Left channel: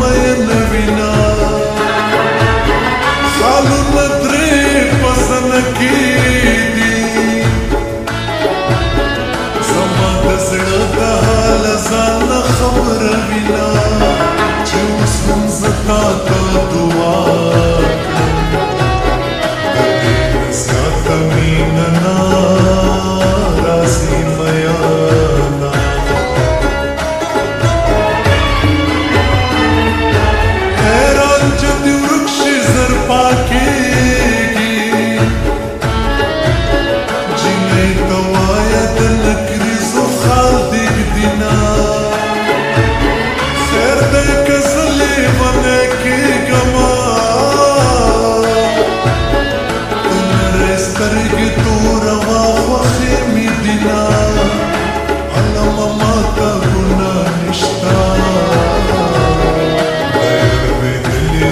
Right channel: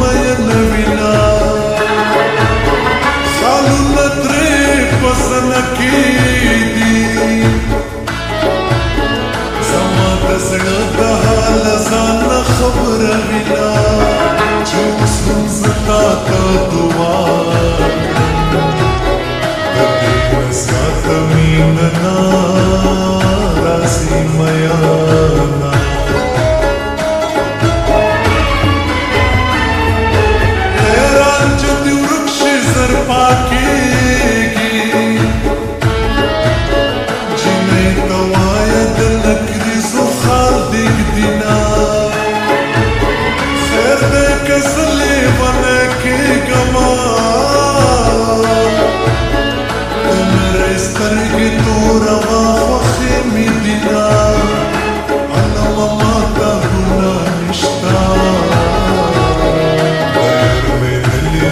مین وینا خالونه درې پسن کې دي زما د زړه د حال ځان خبره وینا چې اوس هم زه تا ته دعا کړم د دې نه زیاته مینه نه راځي میانا حیران چې دې ورک شي زر پاکېږي جینۍ ته وایه د نکریزو خال دیږدي خیر دی که زه لیونی کېږمه د نرۍ سترګې توره وا خوښې مې دینه علمه ماته ګناه نشته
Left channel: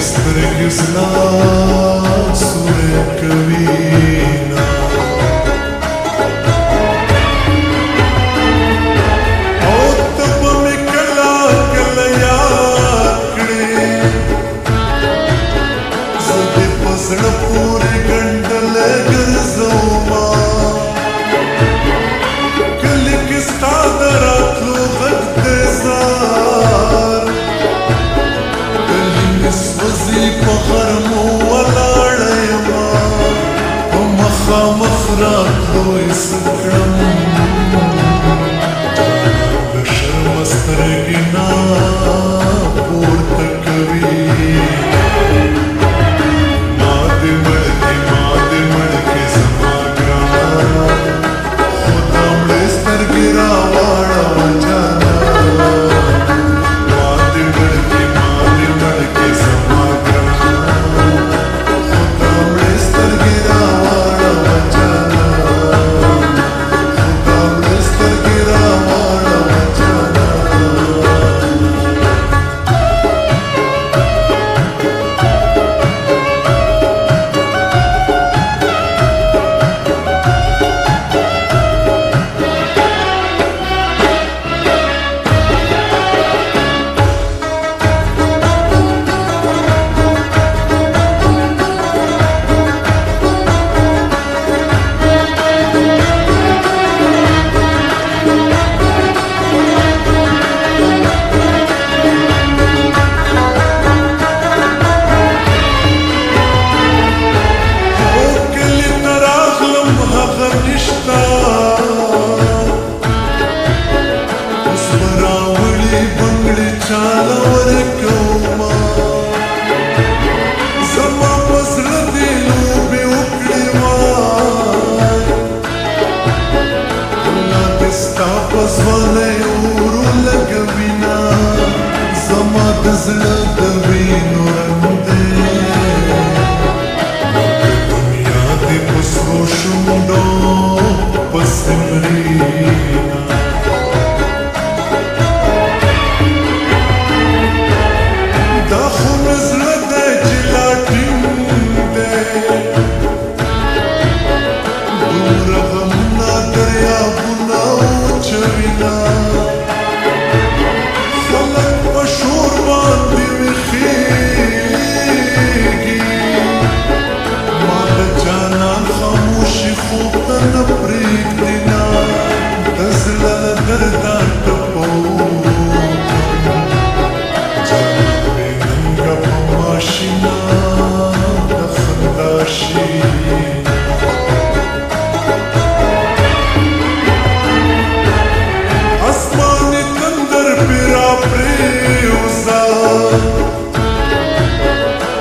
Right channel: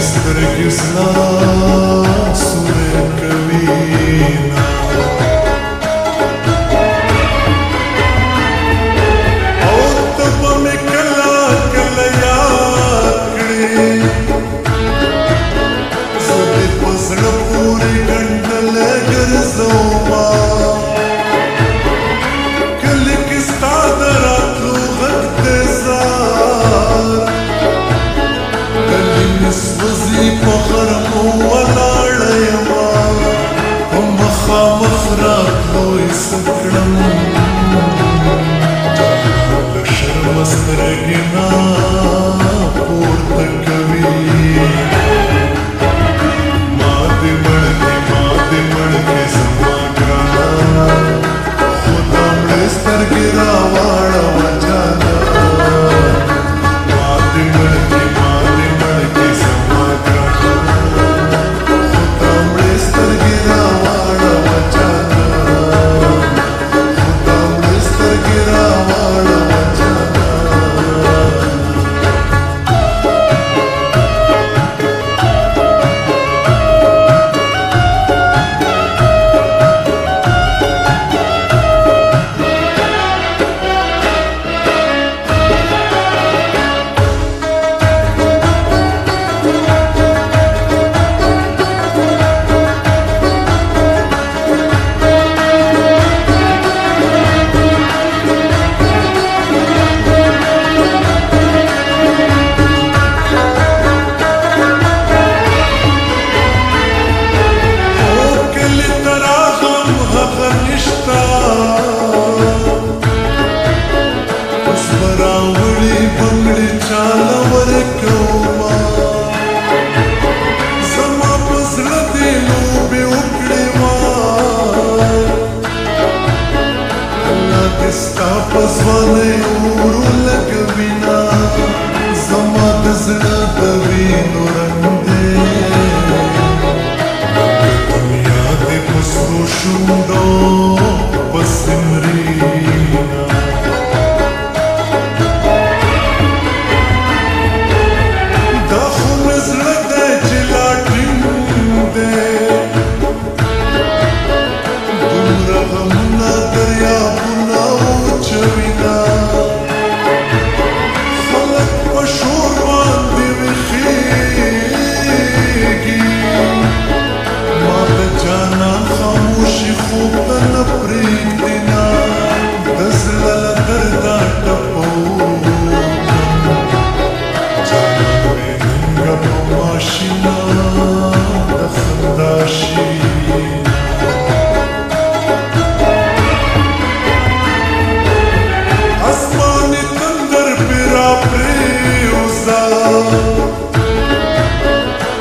سترګې زلا سورې کوینه او ته به مې کله کله یاد کړې زه دې په زړه پورې ګنډلی ګرځومه کلي کې ستا د راتلو غږ دی زار سوزی په غرمو ولاړه یمه په مخامخ راتلو یې څه کړم جانان له شرمه سترګې نه پورته کوي ما دې مړ کې زما ګرانه خو دا مړې سترګې راواړوه جانان ما دې مړ کې زما ګرانه خو دا مړې سترګې راواړوه جانان خو دا مړې سترګې راواړوه جانان نشتا اوس به راوړي بنګړي چاله ورکومه زما په زړه دې لوبې وکړې وای الله دې ستا په ځوانۍ اور ولګوینه زما د زړه د وینو رنګ دی په سرو شونډو پسې مرینه دا خو مې زړه دی چې لا ټینګ دی دومره غمونه دریابونه وچوینه خلک په شور باندې ویښېږي ما د جانان خاموشي خوب ته نه پرېږدينه د زړه له درده ټپوکم جانان مې ننګه په ماشینه د خندا شینه اسماني تندر پې راپرېوځه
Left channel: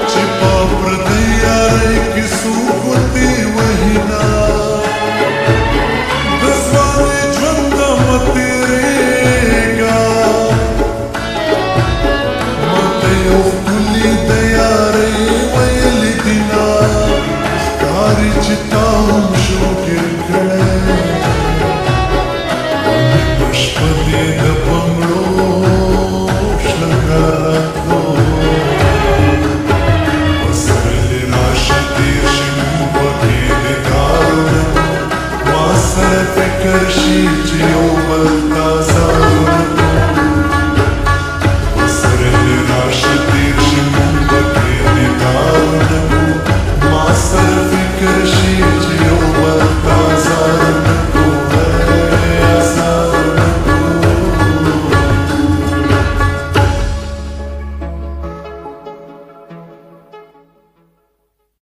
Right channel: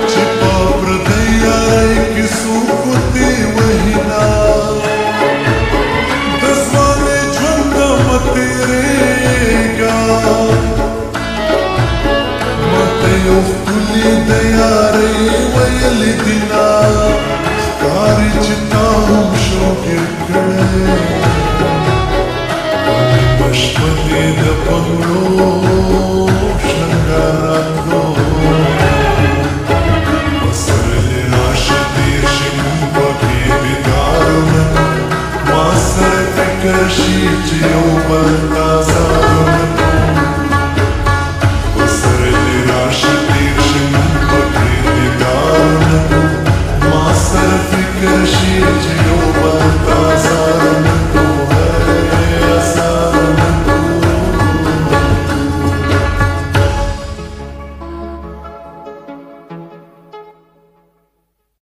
چې په پردۍ یارۍ کې څوک ګوتې وهینه د ځوانۍ ژونده مه تېرېږه ماته یو ښکلي د یارۍ ویلې دینه ښکاري چې تا هم شوګیر کړی نیمه شپه دې د بنګړو شلنګار راتلو پسرلی راشي تېر شي مونږ پکې دیدارونه ما سره فکر شي چې یو بل ته ازارونه پسرلی راشي تیر شي مونږ پکې دیدارونه کو ما سره فکر شي چې یو بل تازه